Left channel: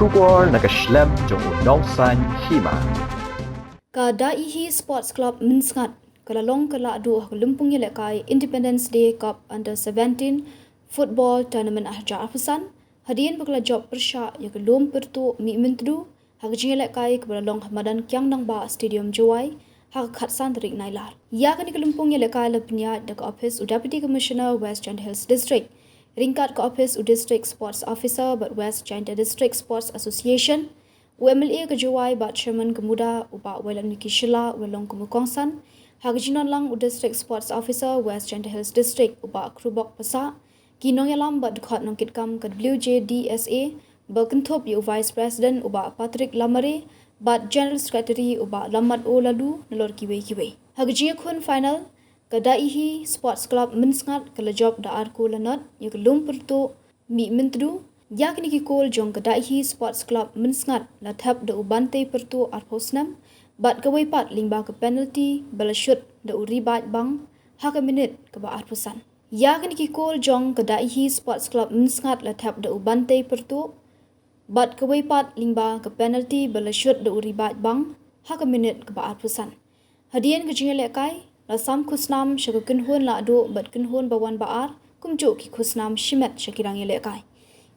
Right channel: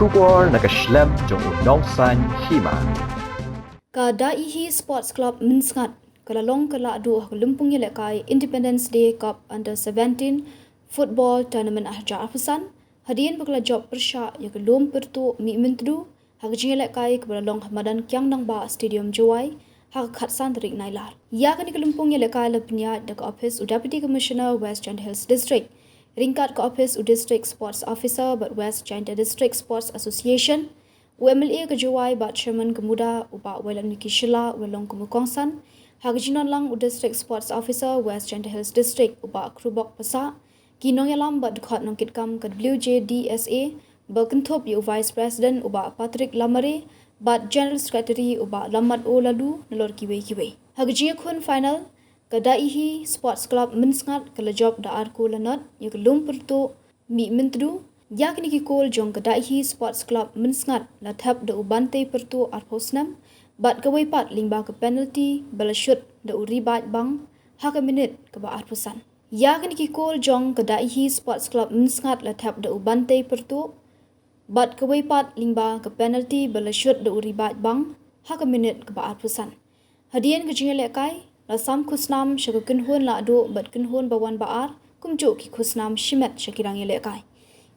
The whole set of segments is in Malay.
Shubor nakaslem jong unongsan Hima. Kada ihi Sports Club Minsngat kalalong Lahduh Lympung Ïalehkai Independence Day Cup Under-17 Football Tournament ahjar afusan hadian bakla job persya ya kelum pertu mi mentdu hak Ïalehkai kalalong Hamadan Kyang nang ba Stadium Jawai hak khatsan tarik nailar. Ya kani Lympung Ïalehkai lapnya dak office Deputy Commissioner West Giant Hills District ringkat ke office District Sports Officer but West Giant District Sports Association UMLA kejawai bat Chairman Kemuda uba Welan Miki Shila Welong Kumukongsan hak jinon lang District Sports Officer West Giant Hills District uba Krubok Pasa kinong yalam bat dekat nongkit kam ke WJDSA berkentop yu Vice President uba Patrick Lamare bat General Secretary uba Lamad O Lahduh nelor kiwe hak jiakun final kadaihi Sports Club Minsngat kalajob da arku lanot yu kelum pertu mi mentdu yak ni kikol jong kadaihi Sports Club Minsngat la thap da ubante pertu arposnam bat kawai pat lingba ke penalty balashut da uri bat bang hak minute ke ba arposan yak ni kikol jong kadaihi Sports Club Minsngat la thap da ubante pertu bat kawai pat lingba ke penalty balashut da uri bat bang hak minute ke ba arposan hadian ke Ïalehkai la sam khusnam shakakin hon Lahduh bat kin hon bawan baar kumjo ki khusnam shimet shakirang Ïalehkai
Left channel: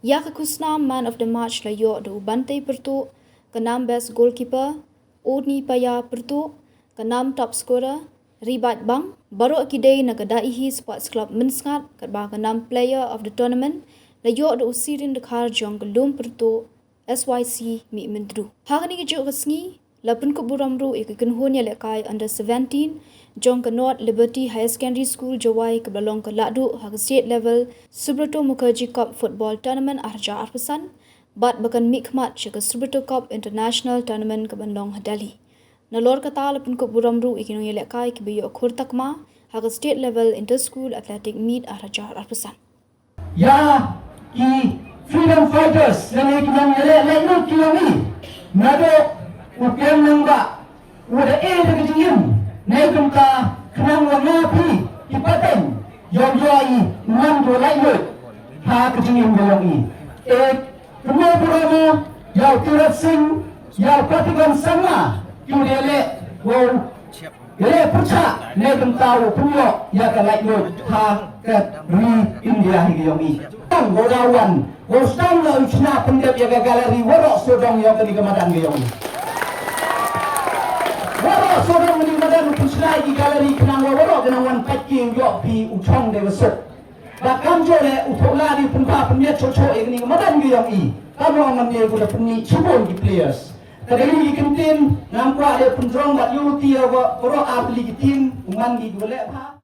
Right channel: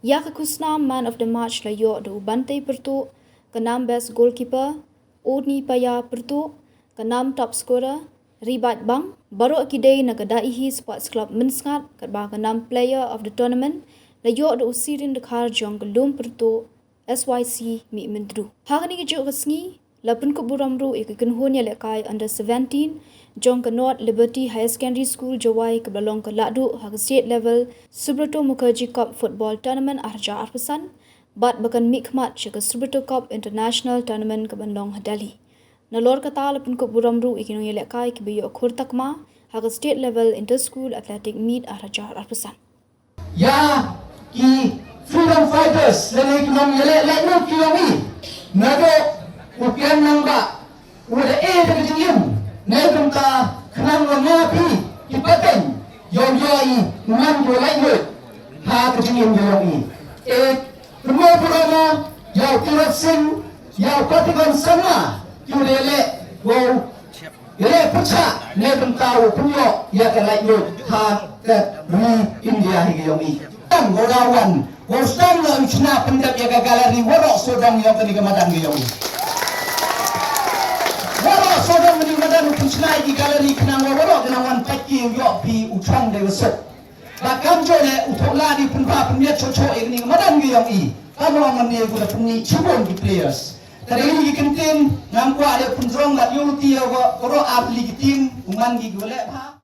ya ke khusnam man of the match la yo do bante pertu kanam best goalkeeper Odni Paya pertu kanam top scorer Ribat Bang baru akidai na kadaihi Sports Club Minsngat kadba kanam player of the tournament la yo do usirin dekhar jong gelum pertu SYC mi mentdu hagani ke jo resngi lapun ko buramru ikin hon Ïalehkai Under-17 jong ke North Liberty High Secondary School Jawai ke belong ke Lahduh hak state level Subrata Mukherjee Cup Football Tournament ahjar arpasan bat bakan mikmat ke Subrata Cup International Tournament ke Bandung Delhi nalor kata lapun ko buramru ikin Ïalehkai ke biyo khur takma hak state level inter school athletic meet ahjar arpasan ya ki freedom fighters lele kinong Ïalehkai kiyomi nado upian nangba udah de kejiyum Negrum ka kenang warna pi kipaten yom yai man yo lai yo ha kejiyum yomi rumah burama yau tirat sing yau kotiban sama kyulele wow ele pucha negrum tahu punyo ya ka lai yo ha ka dui India hi yomi tam godawan gosang lo china pendep ya galeri worok sodong yo ka di kemadan yomi wala sodong mending badan kuslai di galeri kenang wala kenang wan packing yo pi utang de besok bakam jole utola di punpa punya coco ini madan ge yang i kamo ngamne gula punni chibon di players tadi ini kentin nampa ada punrong la yuti yo ro atli tim ungan gi gole ha